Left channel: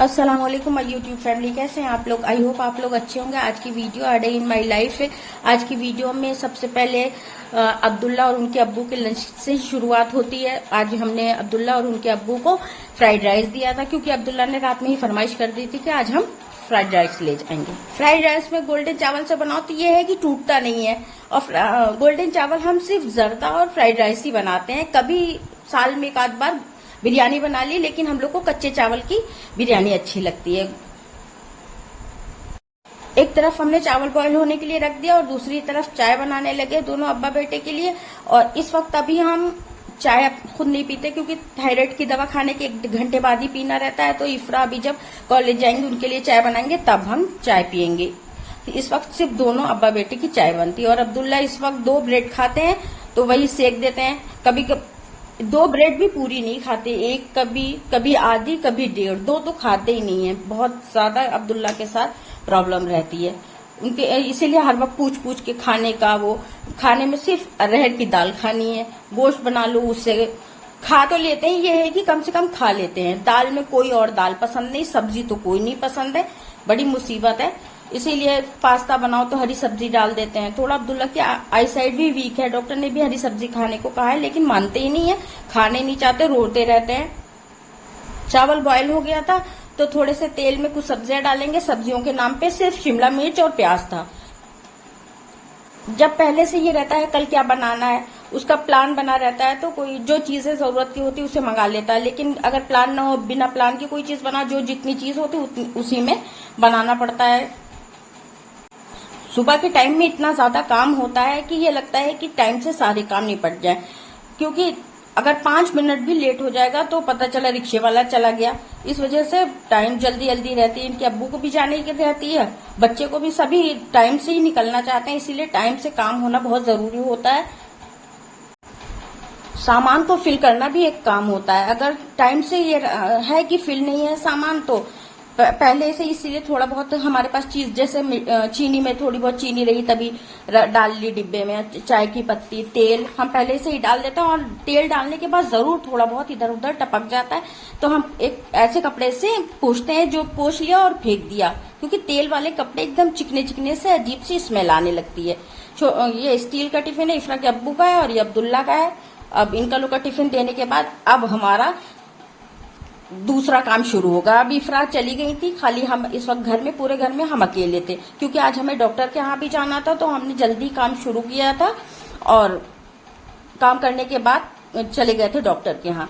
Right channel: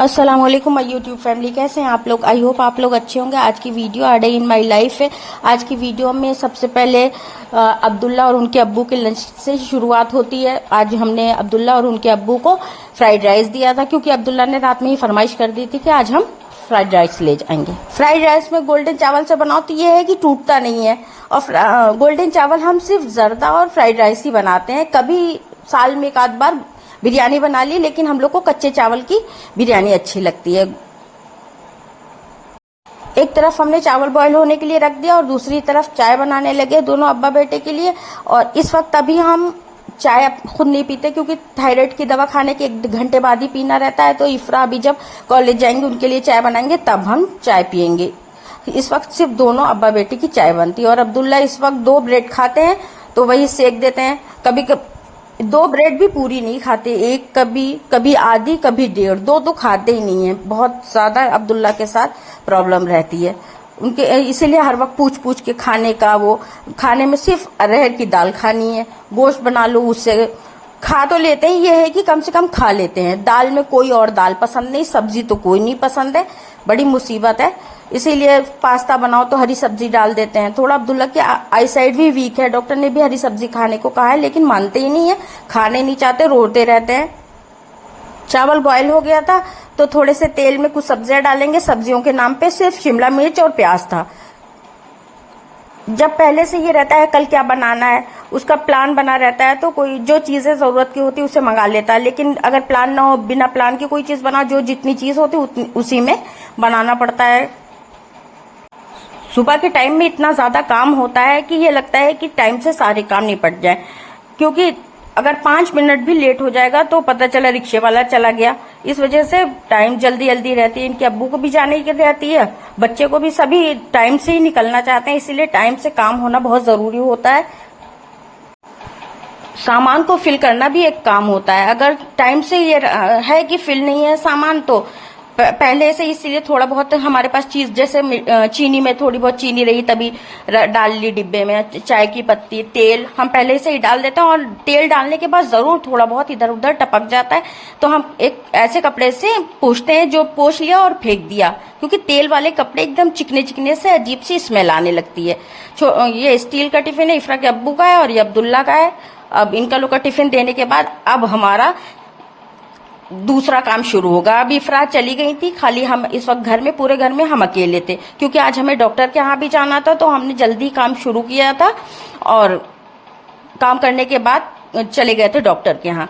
अस्सलाम वालेकुम my YouTube family, कैसे हैं आप लोग। आई होप आप लोग अच्छे होंगे। आज की video a day in my life है। आज की वीडियो में सबसे पहले अब्दुल्ला और उनके अब्बू के लंच से ही शुरुआत होती है। आज हमने अब्दुल्ला और उनके अब्बू को फ्राइड राइस दिया था, क्योंकि अब्दुल्ला ने रात में ही फरमाइश कर दी थी कि आज हम फ्राइड राइस ले जाएंगे। फ्राइड राइस में गोल्डन चावल से बनाओ तो ये है कि टूटता नहीं है। और गोल्डन चावल हम सिर्फ जर्दा और फ्राइड राइस ही बनाते हैं। कभी साल में एक आध बार बिरयानी बना ली, लेकिन हम लोग को कच्चे चावल की बिरयानी अच्छी लगती है। एक तरफ हमने चावल बॉईल होने के लिए रख दिया और दूसरी तरफ चाय बनाने लगे दोनों अब्बा बेटे के लिए। और इस वक्त अभी हम चाय खुद नहीं पीते, क्योंकि थायराइड की दवा खाने के 1 घंटे बाद ही पीना रहता है। तो इफ्रा अभी जब कॉलेज जाएंगे उनके लिए चाय बनाएंगे, तब हम चाय पियेंगे। इस वक्त सिर्फ दोनों अब्बा बेटे की चाय बनती है। और अब्दुल्ला इस वक्त 2 ब्रेड खाते हैं, तो वही सेक देते हैं। कभी 2 ब्रेड भी पूरी नहीं खाते, एक कभी आधी कभी 1.5, 2 तो खाते ही नहीं है। बहुत ज्यादा अब्दुल्ला के साथ प्रॉब्लम रहती है उनके, इसीलिए हर वक्त पूछ पूछ के खाने का। वो खाने में सिर्फ अरहर की दाल खानी है, गोश्त बना लो उससे खा तो लेते हैं। ये है कि कम से कम खा लेते हैं। दाल में कोई और दाल पसंद नहीं, सब्जी तो कोई नहीं पसंद है। बड़ी मुसीबत है। इसीलिए पास्ता बनाओ तो हरी सब्जी डाल देते हैं। थोड़ा अब्दुल्ला की आई साइड भी वीक है, डॉक्टर ने भी हरी सब्जी खाने को कहा है, लेकिन मानते ही नहीं है, खाने नहीं चाहते, रोते रहते हैं। चावल बॉयल हो गया था तो थोड़े से तेल में कुछ सब्जियां डालेंगे। सब्जियों के नाम पे सिर्फ शिमला मिर्च और प्याज था। जब पहले से ये रहता है कल क्या बनाना है, उसका प्लान बना रहता है, तो कोई जो चीजें जरूरत की होती है उसे मंगा लेता है। लेकिन अगर प्लान ना हो, बिना प्लान की कोई चीज बना, जो जितनी चीज होती उसी में बनाना पड़ता है। सुबह के टाइम में इतना ज्यादा काम होता है कि ये लगता है कि टाइम से सारे काम निपट जाए, क्योंकि अगर 5 मिनट भी लेट हो जाएगा तो पता चला रिक्शे वाला चला गया। इस वजह से टाइम जल्दी जल्दी रहती है। इनके अब्बू को भी जाने की रहती है, बच्चे को भी, सभी टाइम से ही निकलना चाहते हैं। इसीलिए टाइम से काम होना बहुत जरूरी होता है। सामान को फिल करना भी एक काम होता है। अगर टाइम से ये है कि फिल नहीं है सामान, तो पहले से, इसीलिए थोड़ा बहुत हमारे पास चीज, जैसे चीनी में थोड़ी बहुत चीनी रही तभी डाल ली डिब्बे में, चाय की पत्ती, तेल हम पहले से ही डाल देते हैं। और तेल डालने के बाद जरूर थोड़ा बहुत इधर उधर टपक जाता है, तो हम एक ऐसे कपड़े से पोंछते हैं जो पोंछ लिया और फेंक दिया, क्योंकि तेल वाले कपड़े एकदम चिकने चिकने से अजीब सी स्मेल आने लगती है। ये स्टील का टिफिन है, इफ्रा के अब्बू का है और ये अब्दुल्ला का है। अब इनका लोग का टिफिन देने के बाद अब हमारा दूसरा काम शुरू होगा। अब इफ्रा चली गई थी, खाली हम इस वक्त घर में, पूरे घर में हम अकेले थे, क्योंकि आज हमें डॉक्टर के यहाँ भी जाना था। तो हमने जल्दी काम शुरू किया था और काम करने के बाद चले गए थे डॉक्टर के यहाँ।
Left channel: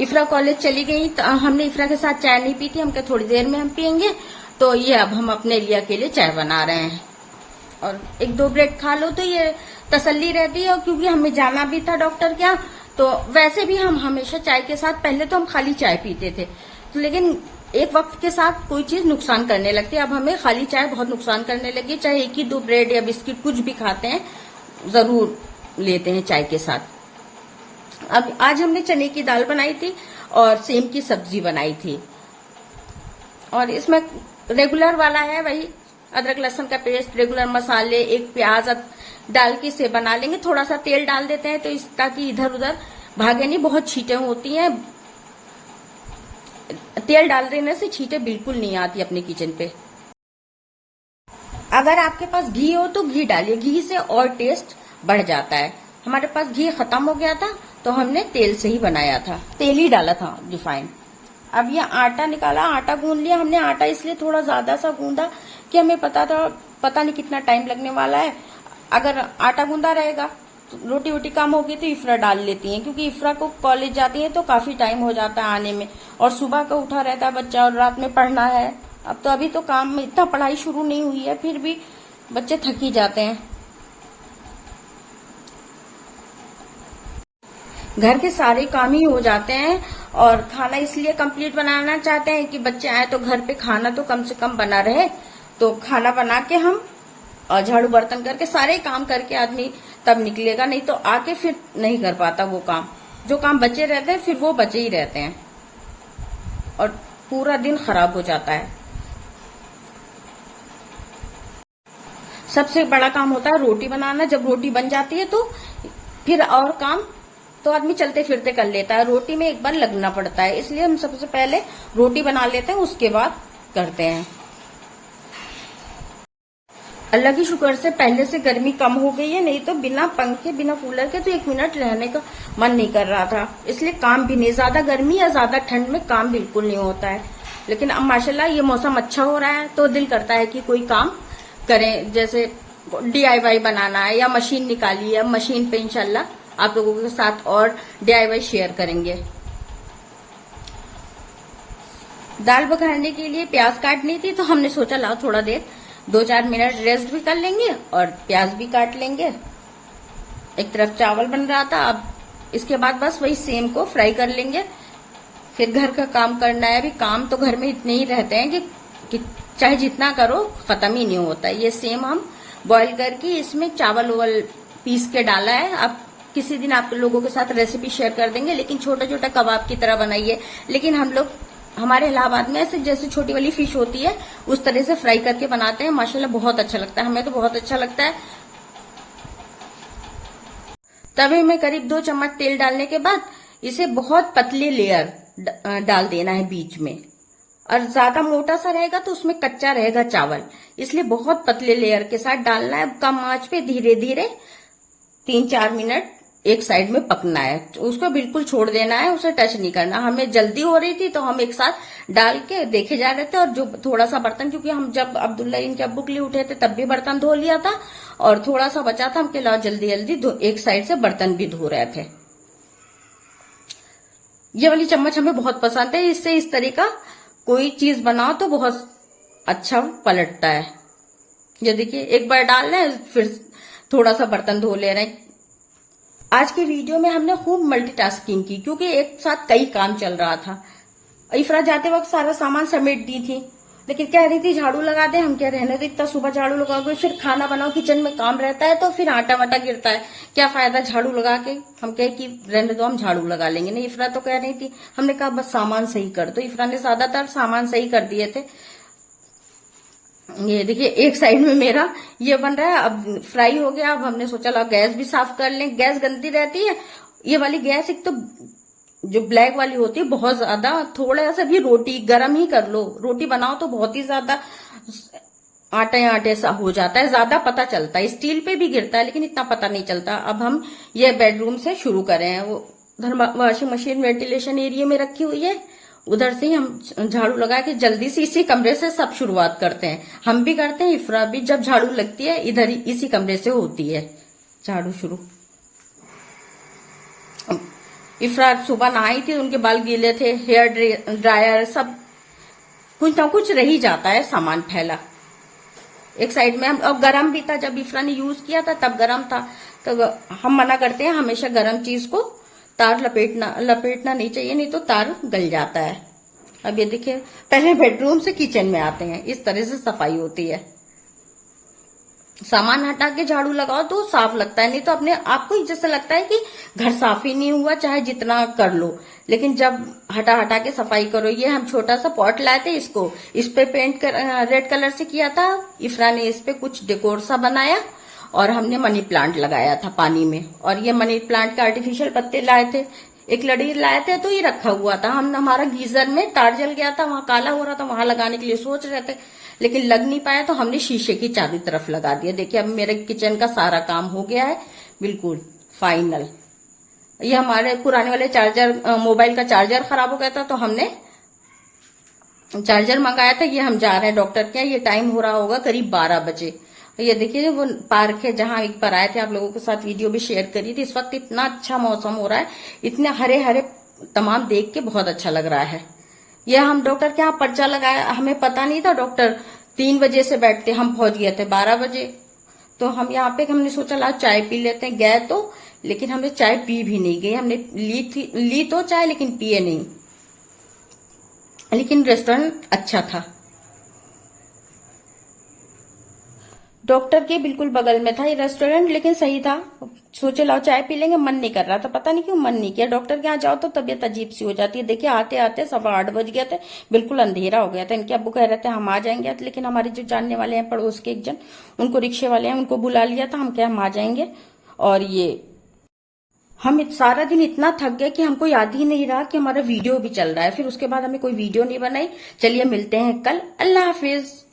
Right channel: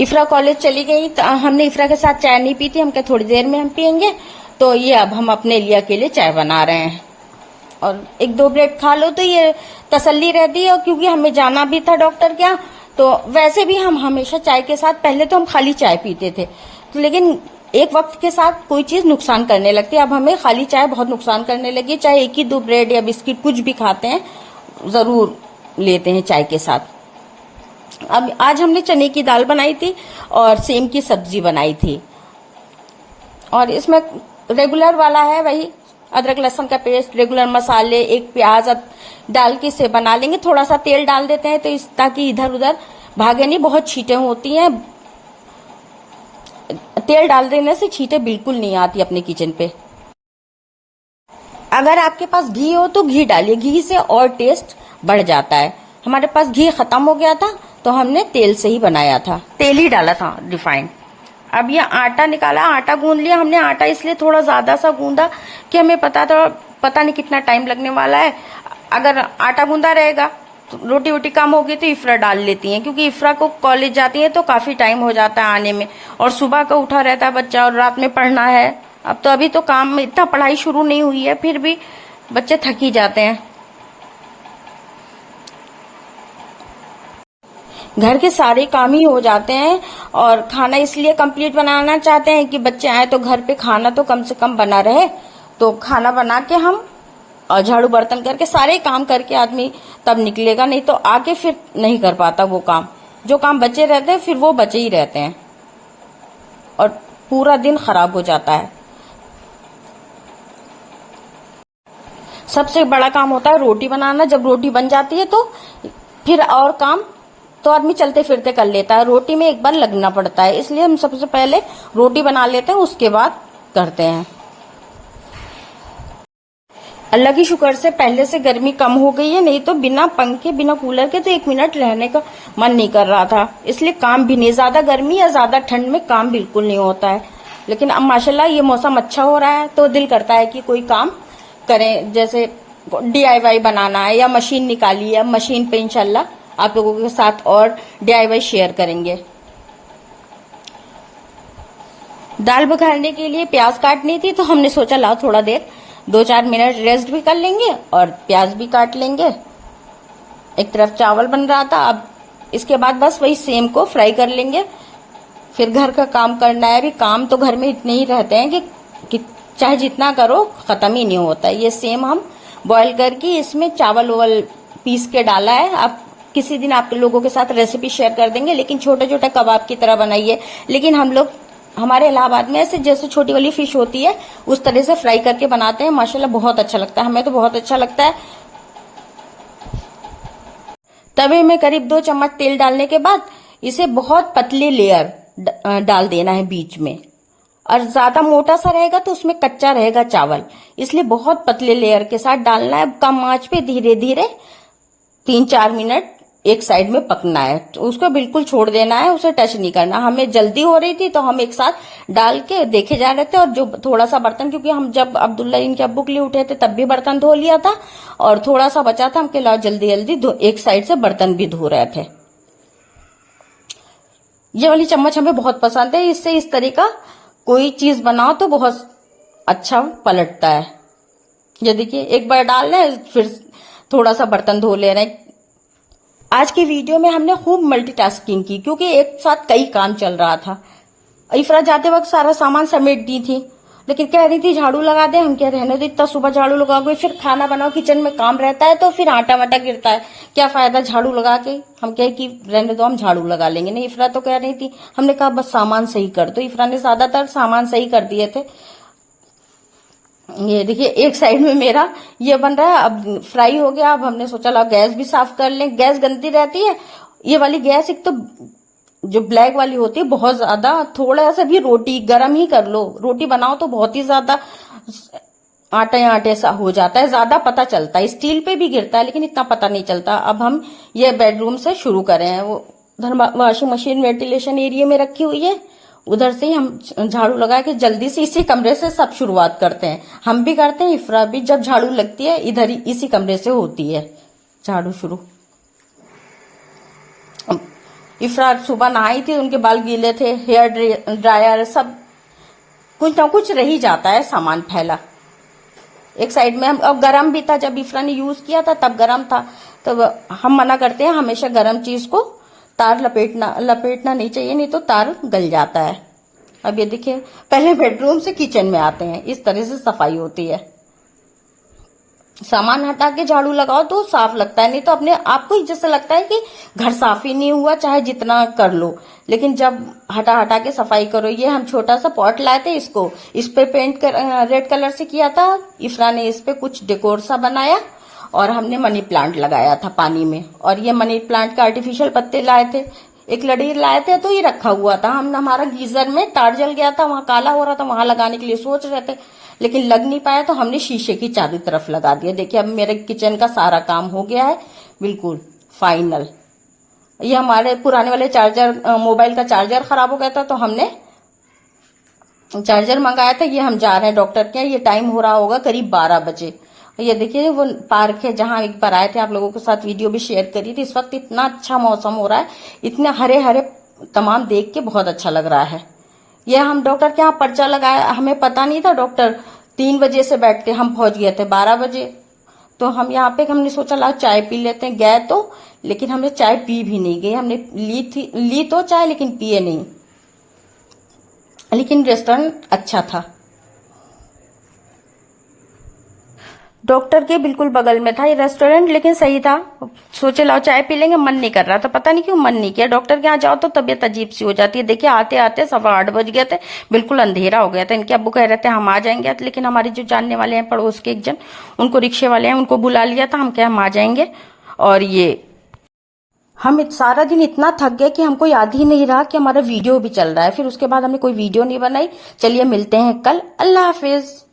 इफ्रा कॉलेज चली गई तो हमने इफ्रा के साथ चाय नहीं पी थी। हम क्या थोड़ी देर में हम पियेंगे, तो ये अब हम अपने लिए अकेले चाय बना रहे हैं। और 1-2 ब्रेड खा लो तो ये तसल्ली रहती है। और क्योंकि हमें जाना भी था डॉक्टर के यहाँ, तो वैसे भी हम हमेशा चाय के साथ, पहले तो हम खाली चाय पीते थे, तो लेकिन एक वक्त के साथ कोई चीज नुकसान करने लगती है। अब हमें खाली चाय बहुत नुकसान करने लगी। चाहे 1 ही 2 ब्रेड या बिस्किट कुछ भी खाते हैं, जरूर लेते हैं चाय के साथ। अब आज हमने चने की दाल बनाई थी और सेम की सब्जी बनाई थी। और इसमें रेगुलर वाला है, वही अदरक लहसुन का पेस्ट, रेगुलर मसाले, एक प्याज डाल के इसे बना लेंगे। थोड़ा सा तेल डाल देते हैं तो ताकि इधर उधर भागे नहीं, बहुत छींटे होती हैं। तेल डाल देने से छींटे बिल्कुल नहीं आती अपने किचन पे। अगर आपके पास घी हो तो घी डालिए, घी से और टेस्ट बढ़ जाता है। हमारे पास घी खत्म हो गया था तो हमने तेल से ही बनाया था, तेल ही डाला था रिफाइंड। अब ये आटा निकाला, आटा गूंद लिया हमने। आटा इसलिए थोड़ा ज्यादा सा गूंदा कि हमें पता नहीं कितना टाइम लगने वाला है। अगर आटा गूंदा रहेगा तो रोटी वोटी कम होगी तो इफ्रा डाल लेती हैं, क्योंकि इफ्रा को कॉलेज जाती है तो काफी टाइम हो जाता है आने में। और सुबह का उठा रहता है बच्चा और रात में पढ़ना है। अब तो अभी तो काम में इतना पढ़ाई शुरू नहीं हुई है, फिर भी बच्चे थक ही जाते हैं। घर के सारे काम ही हो जाते हैं। और खाना इसलिए कंप्लीट बनाना चाहते हैं कि बच्चे आए तो घर पे खाना तो कम से कम बना रहे। तो खाना बना के हम और झाड़ू बर्तन करके सारे काम करके आदमी तब निकलेगा, नहीं तो आके फिर नहीं कर पाता वो काम। जो काम बचे रहते हैं फिर वो बचे ही रहते हैं और पूरा दिन खराब हो जाता है। सबसे बड़ा काम होता है रोटी बनाना। जब रोटी बन जाती है तो फिर और काम तो आदमी चलते फिरते कर लेता है, रोटी में एक बार लगना पड़ता है, इसलिए हम सबसे पहले रोटी बना लेते हैं, उसके बाद करते हैं। अल्लाह की शुक्र से पहले से गर्मी कम हो गई है, नहीं तो बिना पंखे बिना कूलर के तो 1 मिनट रहने का मन नहीं कर रहा था। इसलिए काम भी नहीं, ज्यादा गर्मी या ज्यादा ठंड में काम बिल्कुल नहीं होता है। लेकिन अब माशाल्लाह ये मौसम अच्छा हो रहा है तो दिल करता है कि कोई काम करें, जैसे DIY बनाना है या मशीन निकाली है, मशीन पे इंशाल्लाह आप लोगों के साथ और DIY शेयर करेंगे। दाल बघारने के लिए प्याज काटनी थी तो हमने सोचा लाओ थोड़ा देर 2-4 मिनट रेस्ट भी कर लेंगे और प्याज भी काट लेंगे। एक तरफ चावल बन रहा था, अब इसके बाद बस वही सेम को फ्राई कर लेंगे, फिर घर का काम करना है। अभी काम तो घर में इतने ही रहते हैं कि चाहे जितना करो खत्म ही नहीं होता। ये सेम हम बॉईल करके इसमें चावल ओवल पीस के डाला है। अब किसी दिन आप लोगों के साथ रेसिपी शेयर कर देंगे, लेकिन छोटे छोटे कबाब की तरह बनाइए। लेकिन हम लोग हमारे इलाहाबाद में ऐसे जैसे छोटी वाली फिश होती है उस तरह से फ्राई करके बनाते हैं, माशाल्लाह बहुत अच्छा लगता है, हमें तो बहुत अच्छा लगता है। तवे में करीब 2 चम्मच तेल डालने के बाद इसे बहुत पतले लेयर डाल देना है बीच में, और ज्यादा मोटा सा रहेगा तो उसमें कच्चा रहेगा चावल, इसलिए बहुत पतले लेयर के साथ डालना है। कम आंच पे धीरे धीरे 3-4 मिनट एक साइड में पकना है, तो उसको बिल्कुल छोड़ देना है, उसे टच नहीं करना। हमें जल्दी हो रही थी तो हम एक साथ डाल के देखे जा रहे थे, और जो थोड़ा सा बर्तन, क्योंकि हम जब अब्दुल्ला इनके अब्बू के लिए उठे थे तब भी बर्तन धो लिया था और थोड़ा सा बचा था, हम के लाओ जल्दी जल्दी एक साइड से बर्तन भी धो रहे थे। ये वाली चम्मच हमें बहुत पसंद है, इससे इस तरह का कोई चीज बनाओ तो बहुत अच्छा पलटता है। ये देखिए एक बार डाल रहे हैं फिर थोड़ा सा बर्तन धो ले रहे हैं। आज की वीडियो में हमने खूब मल्टीटास्किंग की, क्योंकि एक साथ कई काम चल रहा था। इफ्रा जाते वक्त सारा सामान समेट दी थी, लेकिन कह रही थी झाड़ू लगा दे, हम क्या रहने दो, इतना सुबह झाड़ू लगा गए, फिर खाना बनाओ, किचन में काम रहता है तो फिर आटा वाटा गिरता है, क्या फायदा झाड़ू लगा के। हम कहे कि रहने दो, हम झाड़ू लगा लेंगे। नहीं, इफ्रा तो कह रही थी, हमने कहा बस सामान सही कर दो। इफ्रा ने ज्यादातर सामान सही कर दिए थे। ये देखिए एक साइड में मेरा ये बन रहा है, अब फ्राई हो गया। अब हमने सोचा ला गैस भी साफ कर लें, गैस गंदी रहती है ये वाली गैस। एक तो जो ब्लैक वाली होती है बहुत ज्यादा, थोड़ा सा भी रोटी गर्म ही कर लो, रोटी बनाओ तो बहुत ही ज्यादा आटे आटे सा हो जाता है, ज्यादा पता चलता है। स्टील पे भी गिरता है लेकिन इतना पता नहीं चलता। अब हम ये बेडरूम से शुरू करें हैं, वो वॉशिंग मशीन वेंटिलेशन एरिया में रखी हुई है, उधर से ही हम झाड़ू लगा के जल्दी से इसी कमरे से सब शुरुआत करते हैं। हम भी करते हैं, इफ्रा भी जब झाड़ू लगती है इधर ही इसी कमरे से होती है झाड़ू शुरू। इफ्रा सुबह नहाई थी, उनके बाल गीले थे, हेयर ड्रायर सब कुछ ना कुछ रह ही जाता है सामान फैला एक साइड में। और गरम भी था, जब इफ्रा ने यूज किया था तब गरम था, तो हम मना करते हैं हमेशा गरम चीज को तार लपेटना नहीं चाहिए, नहीं तो तार गल जाता है। अब ये देखिए पहले बेडरूम से किचन में आते हैं, इस तरह से सफाई होती है। सामान हटा के झाड़ू लगाओ तो साफ लगता है, नहीं तो अपने आपको ही जैसे लगता है कि घर साफ ही नहीं हुआ, चाहे जितना कर लो। लेकिन जब हटा के सफाई करो। ये हम छोटा सा पॉट लाए थे, इसको इस पे पेंट रेड कलर से किया था। इफ्रा ने इस पे कुछ डेकोर सा बनाया और हमने मनी प्लांट लगाया था पानी में। और ये मनी प्लांट के आर्टिफिशियल पत्ते लाए थे, एक लड़ी लाए थे तो ये रखा हुआ था। हमारा गीजर में तार जल गया था, वहां काला हो रहा था, वहां लगाने के लिए सोच रहे थे लेकिन लग नहीं पाया, तो हमने शीशे की चारों तरफ लगा दिया। देखिए अब मेरे किचन का सारा काम हो गया है बिल्कुल फाइनल। ये हमारे पुराने वाले चार्जर, मोबाइल का चार्जर खराब हो गया था तो हमने चार्जर मंगाया था। ये हम जा रहे हैं डॉक्टर के, ये टाइम हो रहा होगा करीब 12 बजे। ये देखिए वो पार्क है जहां एक बार आए थे, आप लोगों के साथ वीडियो भी शेयर करी थी। इस वक्त इतना अच्छा मौसम हो रहा है, इतने हरे हरे तमाम देख के बहुत अच्छा लग रहा है। यह हम डॉक्टर के यहाँ पर्चा लगाया, हमें पता नहीं था, डॉक्टर 3 बजे से बैठते, हम पहुंच गए थे 12 बजे। तो हम यहाँ पे हमने सोचा ला चाय पी लेते हैं, गए तो लेकिन हमने चाय पी भी नहीं गई। हमने ली तो चाय लेकिन पिए नहीं। लेकिन रेस्टोरेंट अच्छा था, डॉक्टर के बिल्कुल बगल में था ये रेस्टोरेंट, लेकिन सही था। सोचे लाओ चाय पी लेंगे, मन नहीं कर रहा था, पता नहीं क्यों मन नहीं किया। डॉक्टर के यहाँ जाओ तो तबीयत अजीब सी हो जाती है। देखिए आते आते 8:15 बज गए थे, बिल्कुल अंधेरा हो गया था। इनके अब्बू कह रहे थे हम आ जाएंगे, लेकिन हमारे जो जानने वाले हैं पड़ोस के एक जन, उनको रिक्शे वाले हैं, उनको बुला लिया था, हम क्या हम आ जाएंगे। और ये हम सारा दिन इतना थक गए कि हमको याद ही नहीं रहा कि हमारा वीडियो भी चल रहा है। फिर उसके बाद हमने कोई वीडियो नहीं बनाई। चलिए मिलते हैं कल। अल्लाह हाफिज।